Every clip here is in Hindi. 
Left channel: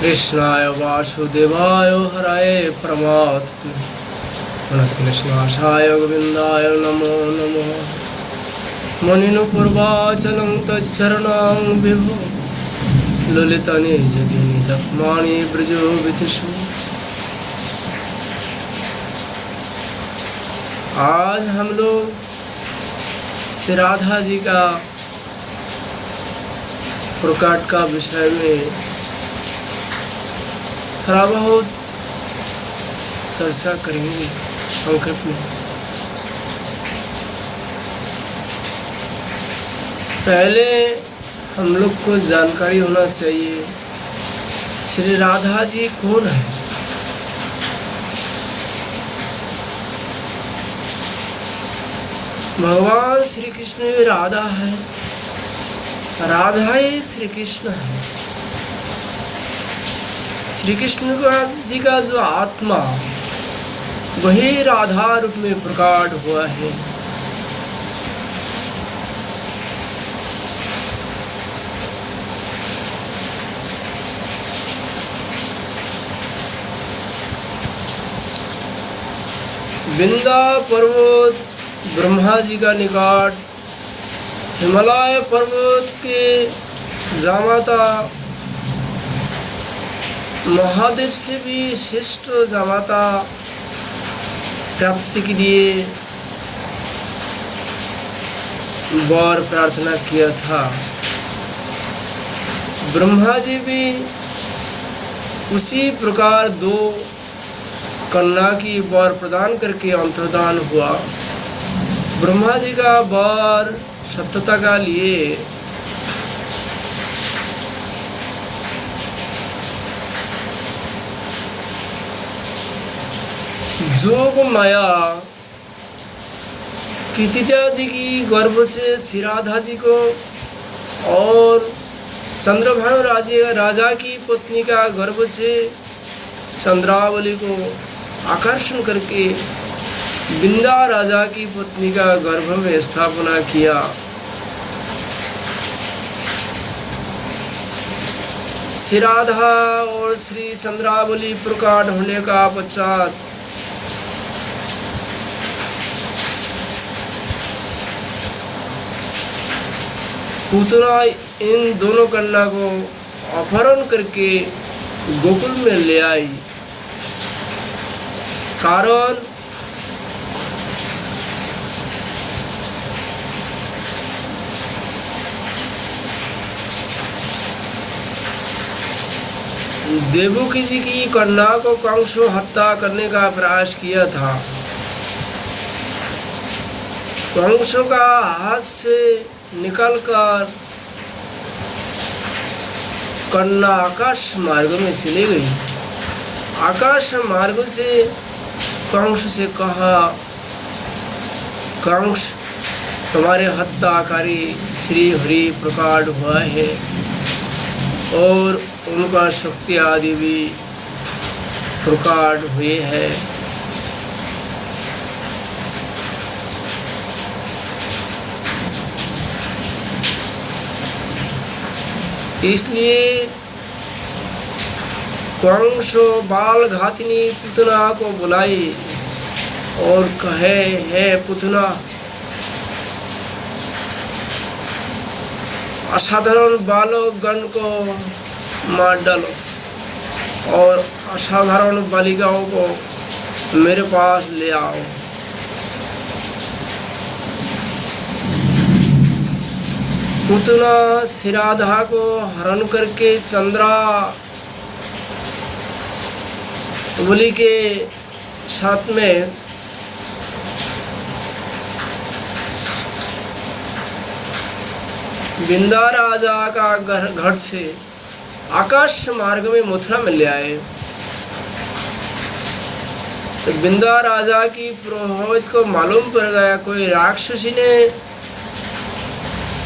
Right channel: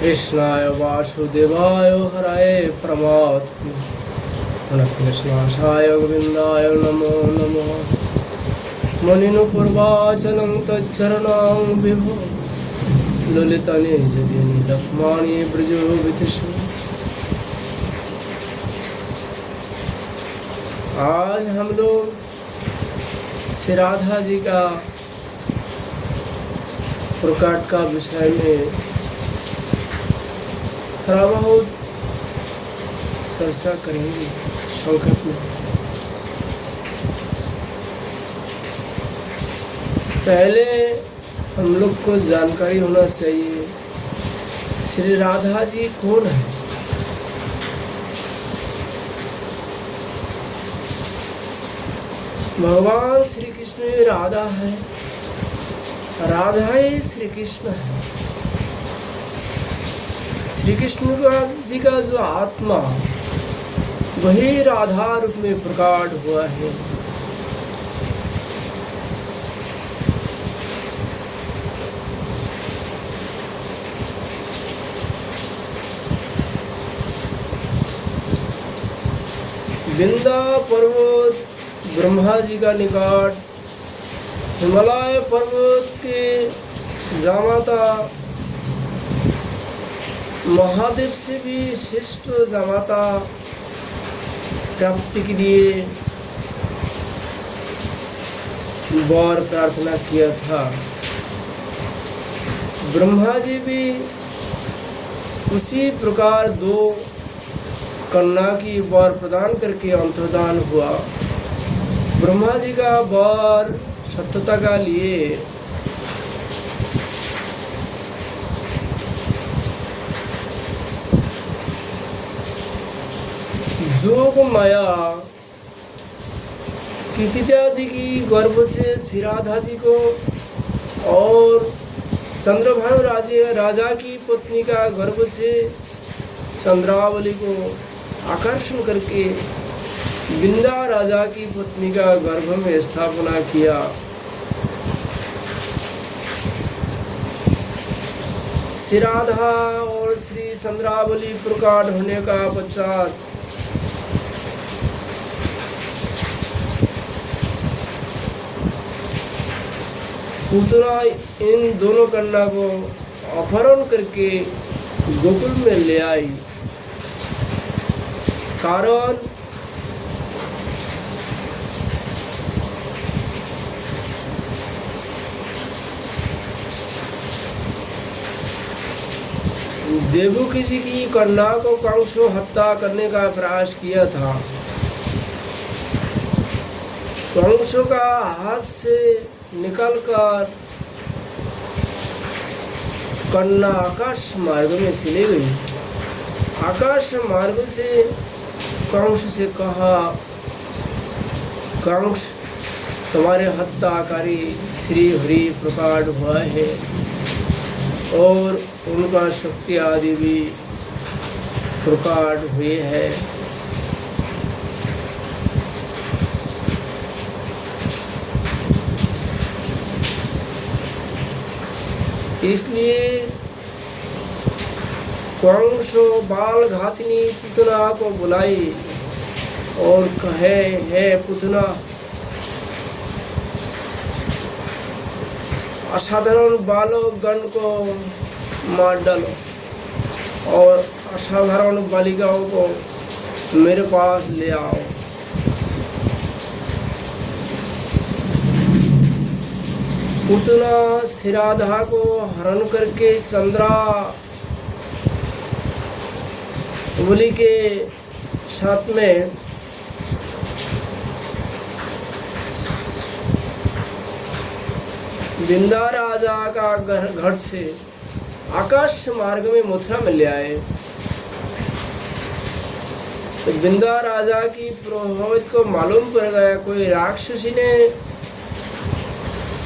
कृष्णाय वासुदेवाय हराय प्रणतक्लेशनाशाय गोविन्दाय नमो नमः। मुनिनुपूर्वाचलं तच्चरणं विभो ललितने जतिनि लक्ष्माणि ब्रजो विदिशो। आज हम लोग श्री राधा जी का प्रकट का विषय में थोड़ा बहुत चर्चा करेंगे संक्षेप में। पहले हम लोग को जानकारी होना चाहिए श्री राधा जी कौन है। भगवान श्री कृष्ण राधा है, राधा ही श्री कृष्ण है। श्री कृष्ण जी का जो आत्मा वही राधा रूप में प्रकट हुआ है। विंध्य पर्वत ब्रह्मा जी का निकट, हिमालय पर्वत के जामाता महादेव से भी श्रेष्ठ जामाता प्राप्ति के लिए वर प्रार्थना किया था। ब्रह्मा जी भी उसी प्रकार दो कन्या की वर प्रदान करके अंतर्धान हुआ। ब्रह्मा जी का वर सत्यता का लिए जोग माया कीर्तिदा जी की गर्भ से श्री राधा जी को और चंद्रभानु राजा की पत्नी का गर्भ से चंद्रावली को आकर्षण करके विंध्य राजा की पत्नी का गर्भ में स्थापना किया। श्री राधा और श्री चंद्रावली प्रकट होने का पश्चात पूतना इन दोनों कन्या को अपहरण करके गोकुल में ले आई। कारण देवकी जी की कन्या को कंस हत्या करने का प्रयास किया था। कंस का हाथ से निकलकर कन्या आकाश मार्ग में चली गई। आकाश मार्ग से कंस से कहा, कंस तुम्हारे हत्याकारी श्री हरि प्रकट हुआ है और उनका शक्ति आदि भी प्रकट हुए हैं। इसलिए कंस बाल घातिनी पुतना को बुलाई और कहे, हे पुतना, असाधारण बालक गण को मार डालो और असाधारण बालिकाओं को मेरे पास ले आओ। पुतना श्री राधा को हरण करके चंद्रावली के साथ में विंध्य राजा का घर से आकाश मार्ग में मथुरा में ले आए। विंध्य राजा की पुरोहित को मालूम पड़ गया कोई राक्षसी ने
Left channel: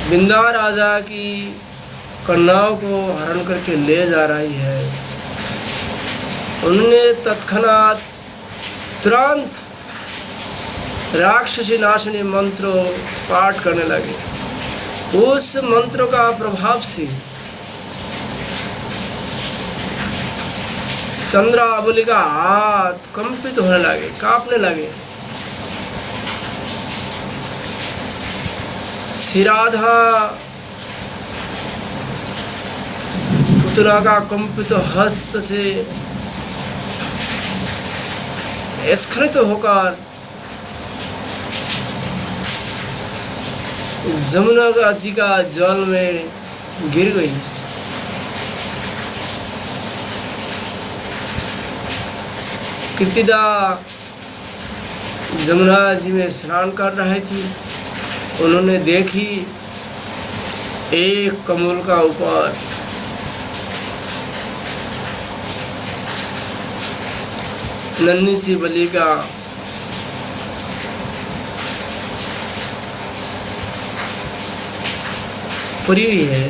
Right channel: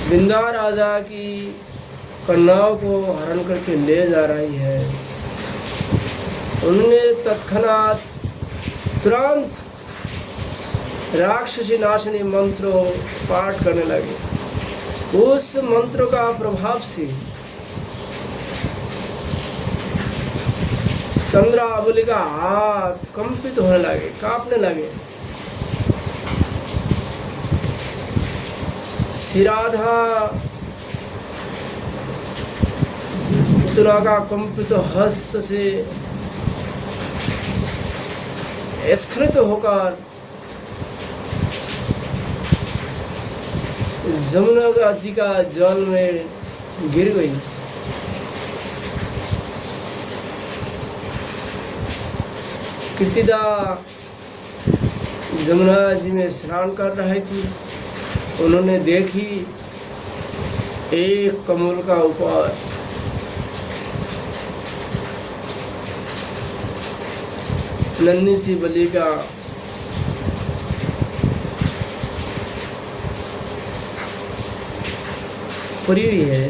विंध्य राजा की कन्याओं को हरण करके ले जा रही है। उन्होंने तत्क्षणात तुरंत राक्षसी नाशनी मंत्र पाठ करने लगे। उस मंत्र का प्रभाव से चंद्रावली का हाथ कंपित होने लगे, कांपने लगे। श्री राधा पुतला का कंपित हस्त से स्खलित होकर जमुना जी का जल में गिर गई। कृतिदा जमुना जी में स्नान कर रहे थी। उन्होंने देखी एक कमल का ऊपर नन्ही सी बालिका पड़ी हुई है।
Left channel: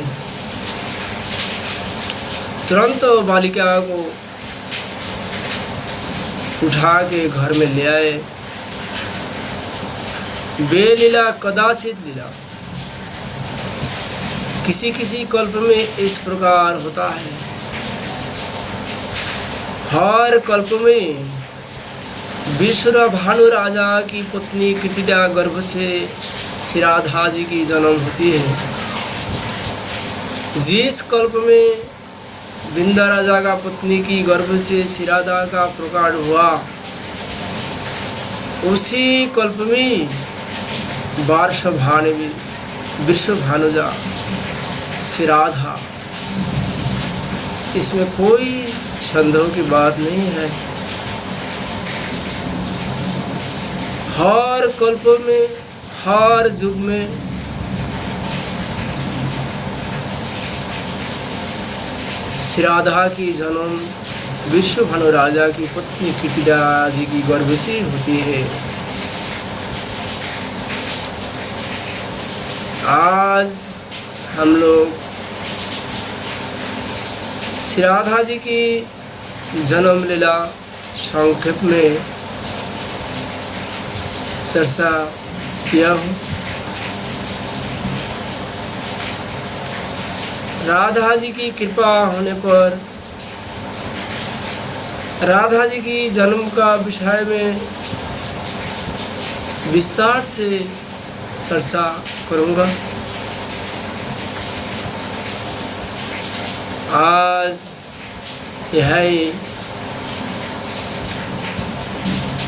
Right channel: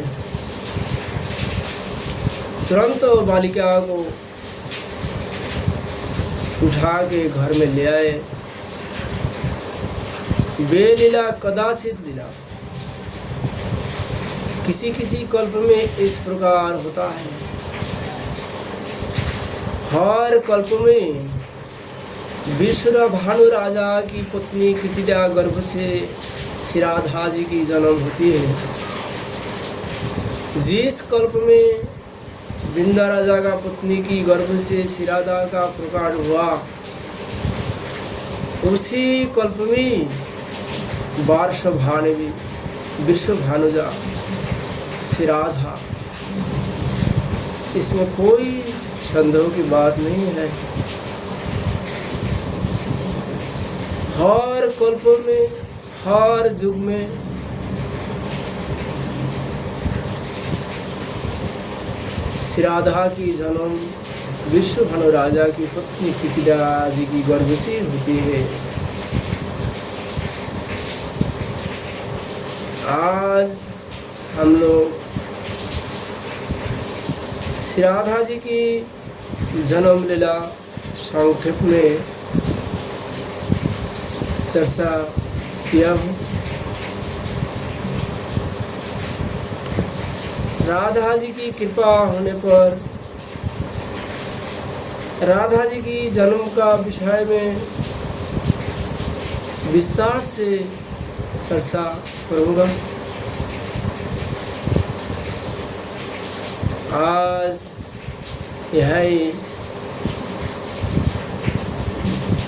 तुरंत बालिका को उठा के घर में ले आए। बेलीला कदाचित लीला, किसी किसी कल्प में इस प्रकार होता है। हर कल्प में विष्णु भानु राजा की पत्नी कृतिदा गर्भ से श्री राधा जी की जन्म होती है। जिस कल्प में विंध्या राजा का पत्नी की गर्भ से श्री राधा का प्रकट हुआ, उसी कल्प में विश्व भानुजा श्री राधा, इसमें कोई संदेह की बात नहीं है। हर कल्प में, हर युग में श्री राधा की जन्म विश्व भानु राजा की पत्नी कृतिदा जी की गर्भ से होती है। आज हम लोग श्री राधा जी की जन्म लीला संक्षेप में चर्चा किया हूँ। राधा जी की कृपा होने पर राधा जी की जन्म का विषय में विस्तार से चर्चा करूँगा। आज यह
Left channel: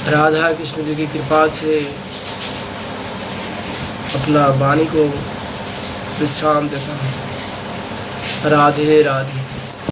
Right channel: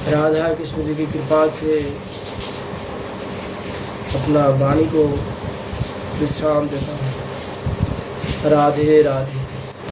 राधा कृष्ण जी की कृपा से अपना वाणी को विश्राम देता हूँ। राधे राधे।